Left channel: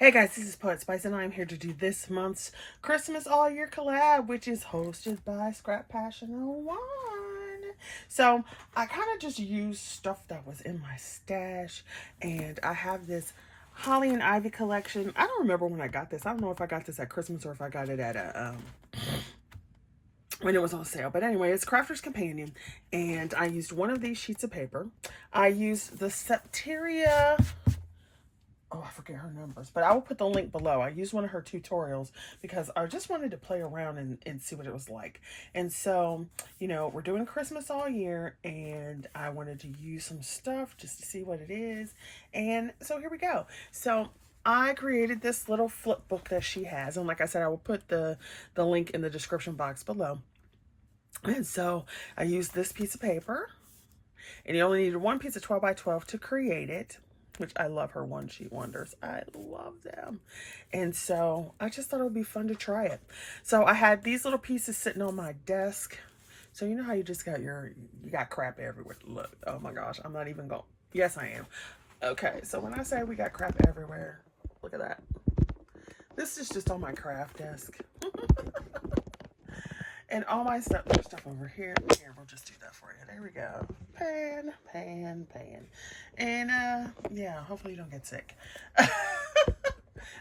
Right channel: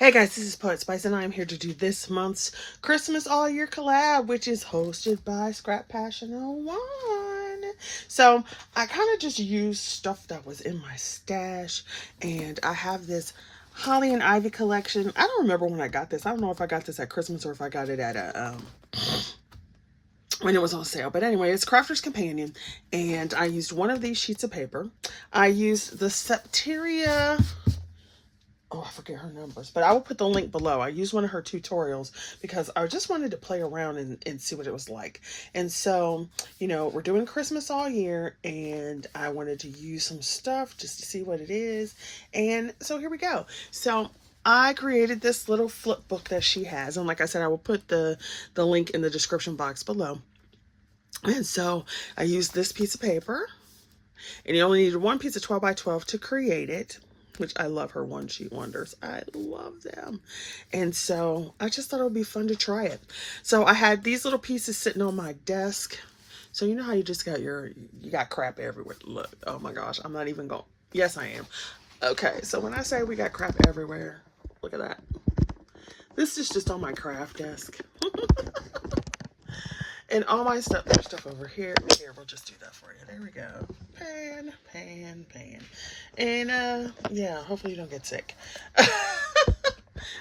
Hey guys, this is Poet Spice, and I'm here to do this month's Christmas All Year collab, which is hosted by Scrap Passion 01. So I kind of just used stuff that was in my stash, and I have this Holly and Ivy collection. I don't remember when I got this. I don't know if I got this at Christmas or if I got it at a when it was on sale. But anyway, it's Crafter's Companion, and I used one of these sheets of paper. I used the Septeria, oh, I forget her numbers, but I will put the link below. I used one of her tutorials because I just wanted to play around and see what it was like. And so, you know, we're doing Christmas all year, and I wanted to use some stuff just to see what it is. And so here we go. So I created this little flip book that she has. And like I said, I will put the link in the description box below. And so I used this piece of paper, and you only needed one piece of 12 by 12 to create it, which I love her one sheet wonders. I love them. And so I just thought it would be fun to try it. So I had these little pieces sitting on my desk. So you know how you just got you got crap everywhere. Look, oh my gosh, I'm not even going. Yes, I am. Okay, so when I say we got crap everywhere, look at that. This is just on my craft desk. And all my stuff, there's stuff over here. Here, we'll just do that for you. There we go. Pan, pan, pan. And, yeah, hopefully you don't get sick.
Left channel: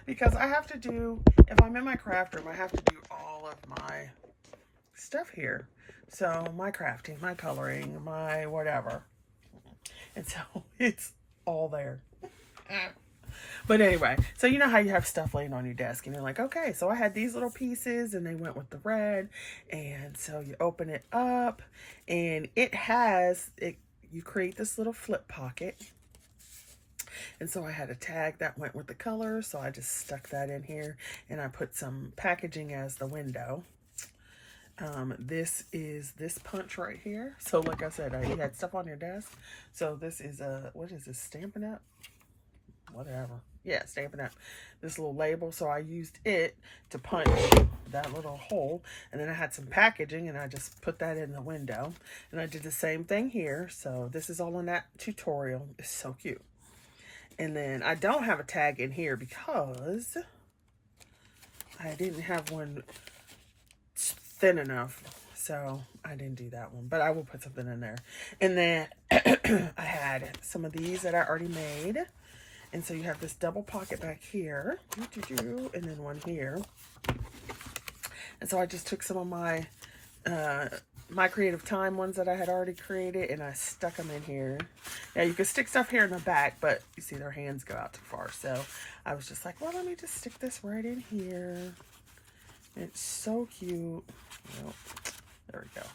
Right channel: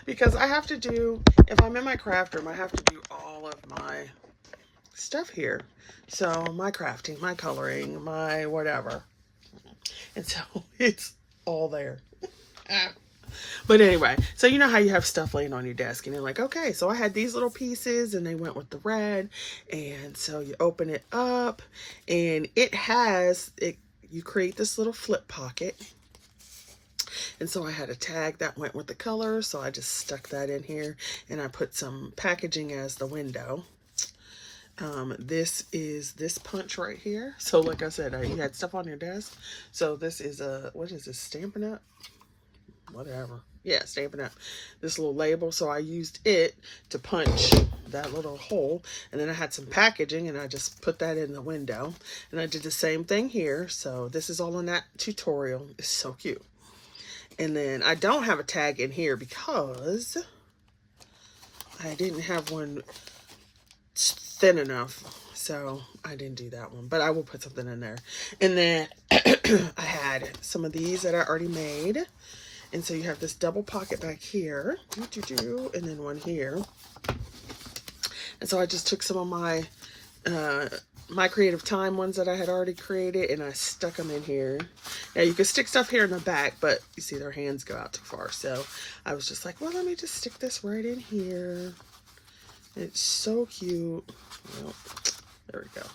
Because I have to do, if I'm in my craft room, I have to do all of my stuff here. So, my crafting, my coloring, my whatever. And so, it's all there. But anyway, so you know how you have stuff laying on your desk and you're like, okay, so I had these little pieces and they went with the red. And so you open it up and you create this little flip pocket. And so I had a tag that went with the color. So I just stuck that in here and I put some packaging as the window. This is this punch right here. So like I said, you had stuff on your desk. So this is what is this, Stampin' Up? Whatever. Yeah, Stampin' Up. This little label. So I used it to punch that little hole. And then I had some packaging and I just put that in the window. And I did the same thing here. So this is all in that tutorial. It's so cute. And then I don't have a tag in here because I didn't have one thin enough. So I didn't do that one. But I will put something in there. And then I had some of these that I already made. And so you have this double pocket back here, and then one here. And so I just took some of my my Creative Time ones that I had already created, and I stuck them in here. Now you can stick stuff here in the back, but you see their hands go out too far. So I was just like, well, let me just stick this right in here. It's so cute. Well, there we go.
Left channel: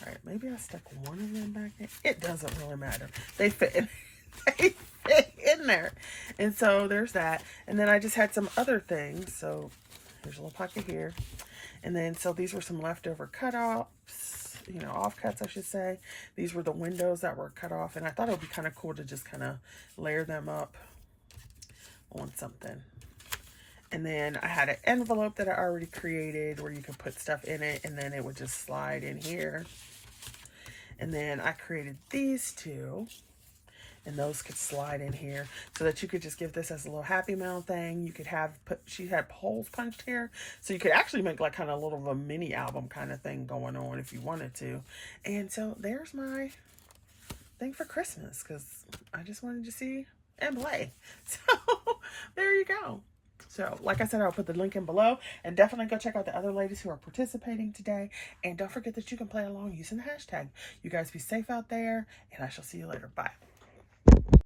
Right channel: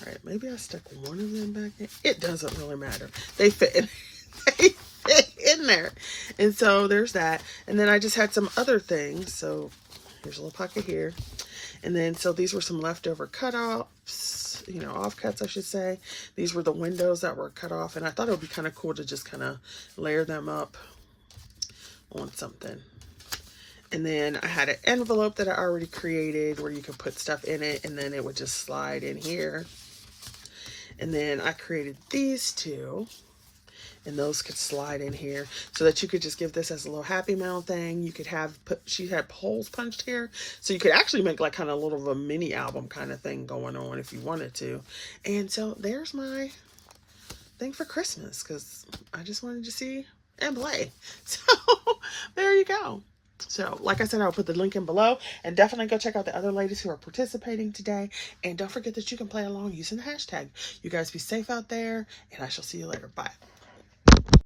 All right, maybe I stuck one of them back there. It doesn't really matter. They fit in. In there. And so there's that. And then I just had some other things. So here's a little pocket here. And then so these were some leftover cut-offs, you know, offcuts I should say. These were the windows that were cut off, and I thought it would be kind of cool to just kind of layer them up on something. And then I had an envelope that I already created where you could put stuff in it, and then it would just slide in here. And then I created these two. And those could slide in here so that you could just give this as a little Happy Mail thing. You could have, she had holes punched here. So you could actually make like kind of a little of a mini album kind of thing going on if you wanted to. And so there's my thing for Christmas because I just wanted to see and play. So there you go. So, like I said, I'll put the link in below. And definitely go check out the other ladies who are participating today. And don't forget that you can play along using the hashtag. You guys be safe out there. And I shall see you later. Bye.